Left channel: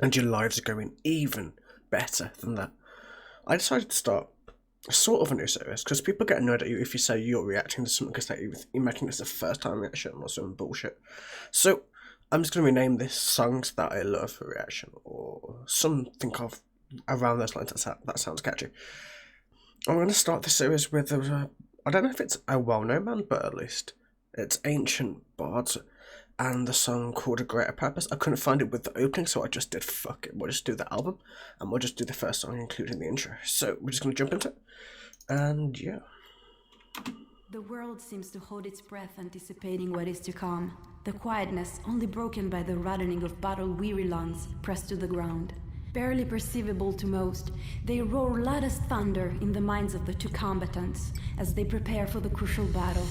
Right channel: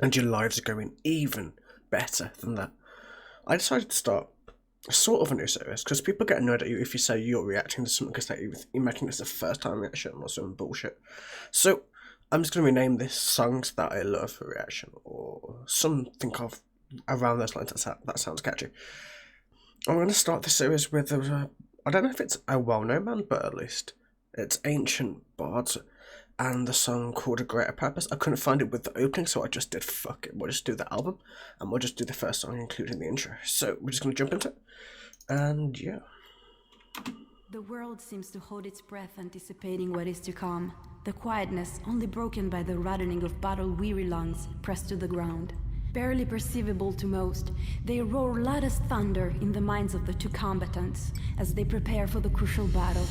and your lives are going even better than that. I decided to start sort of a new series because people get annoyed at you if you say you're reacting to something because you're making this a first time reaction or some bullshit. So I'm just going to rename this Songs That I Love for Reaction or something of around those lines. That sounds catchy. I'm going to start the series with I don't know if it's a well-known band, but at least it's ancient Bards and the song called A Greater Purpose. I couldn't find it with the opening, so I just did fuck it. We'll just do the album, and we'll just do the first song, including the intro. So we're just going to jump into it, and yeah. The world seems to hold its breath, anticipating what is to come. The quietness only broken by the rattlings of battle-weary lungs pressed to the ground. Barely perceivable to most, they roar loud as thunder in the minds of the two combatants as they prepare for the crucial battle.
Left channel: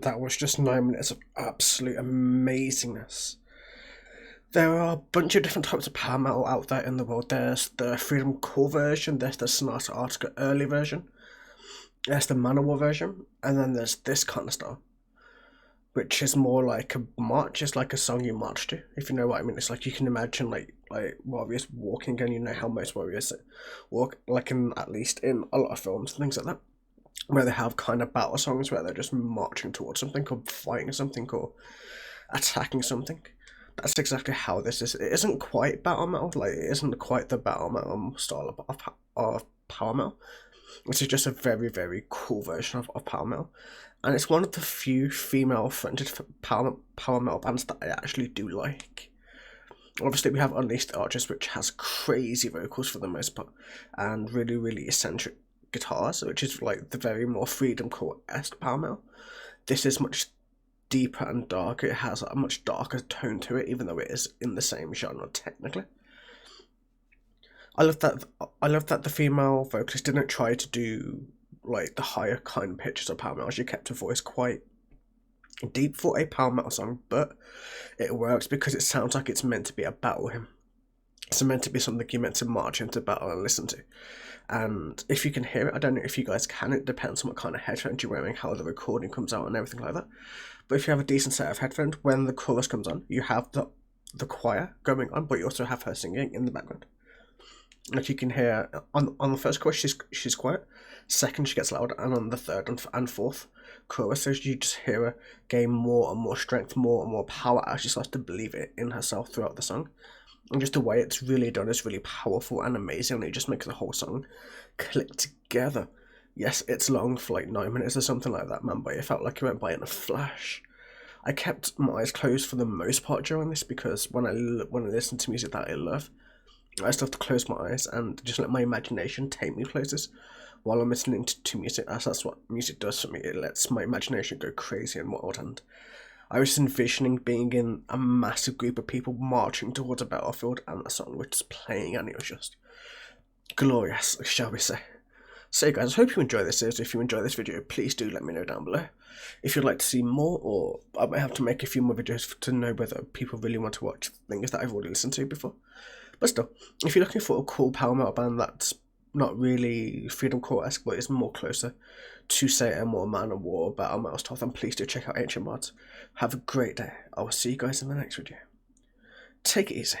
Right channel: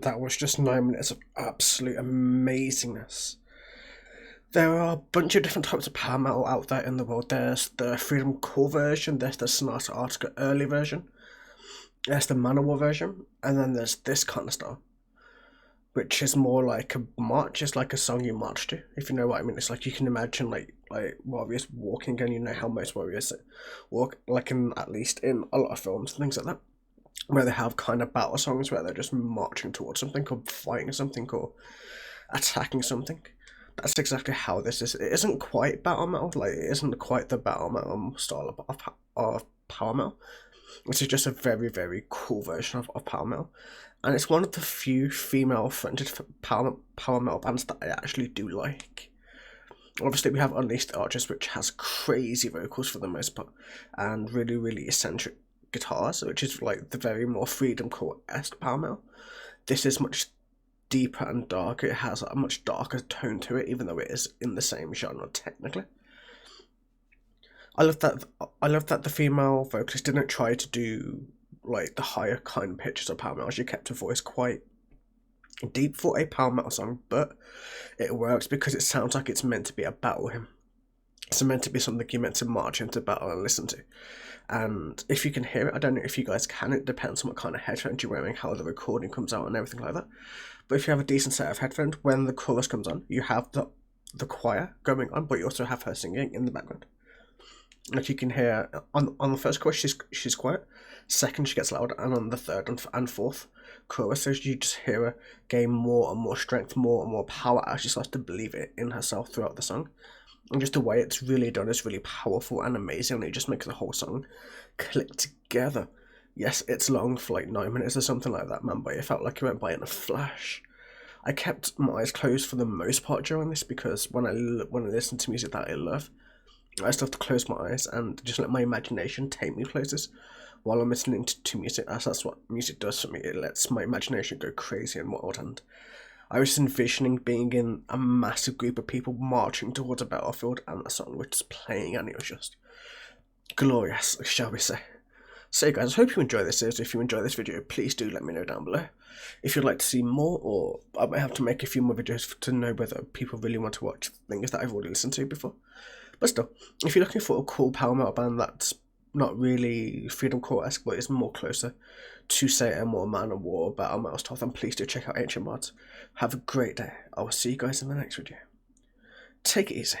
and that was just 9 minutes of absolute amazingness. There are a bunch of different types of power metal out there in the world. There's the Freedom Core version, there's the Sonata Arctica early version, there's the Manowar version, and then there's this kind of style, which is more like a march. It's like a song you march to, if you know what I mean. It's like you can imagine like warriors walking, and you know how most warriors walk, like in at least in a lot of films and things like that, where they have kind of battle songs where they're just marching towards something or fighting something or attacking something. That's exactly how this is. It isn't quite battle metal, like it isn't quite the battle metal style of power metal. This is just a very, very cool version of power metal, and it's one of the few female-fronted power metal bands that I actually do like. Obviously, we have Unleashed Archers, which has crazy vocals for the most part, and really, really eccentric guitars, which is like the very more Freedom Core-esque power metal. This is much deeper and darker. It has a much darker tone to it, even though it is in the same genre technically. I love that the female vocalist didn't try to do like the higher kind of pitches of power metal. She kept her voice quite deep for a power metal song, but it works because it sounds like it's meant to be a battle hymn. It's meant to be something you're meant to march into battle and listen to. And if you can hear it, I don't know if you guys can, it depends on what kind of headphones you're wearing, how the recording comes out and everything like that. But if you have a decent set of headphones, when the chorus comes on, you have the choir going on, but you also have her singing in the background. Like you can hear on the first chorus she's quiet, second she gets louder, and on the third and fourth choruses you just hear her gain more and more strength, more and more power as she starts to believe it in herself throughout the song. And just the way it's really done is really powerful and amazing, and it just makes the whole song click together. Yes, it's long for like 9 minutes or something like that, man, but it felt like it went by in a flash. I kept my eyes closed for the most part during this because when I listen to music that I love, I just have to close my eyes and just let my imagination take me places while I'm listening to music, as that's what music does for me. It lets my imagination go crazy and wild, and I was envisioning being in a massive group of people marching towards a battlefield, and the song was just playing, and it was just glorious, shall we say. So guys, I hope you enjoy this series. If you enjoy this video, please do let me know down below. If you'd like to see more, or I might have to make a few more videos to know whether people really want to watch things that I've already listened to before. But still, if you're looking for a cool power metal band that's not really Freedom Core-esque, but is more closer to, say, a more Manowar battle metal style, then please do check out Ancient Bards. Have a great day. I will see you guys in the next video. Take it easy.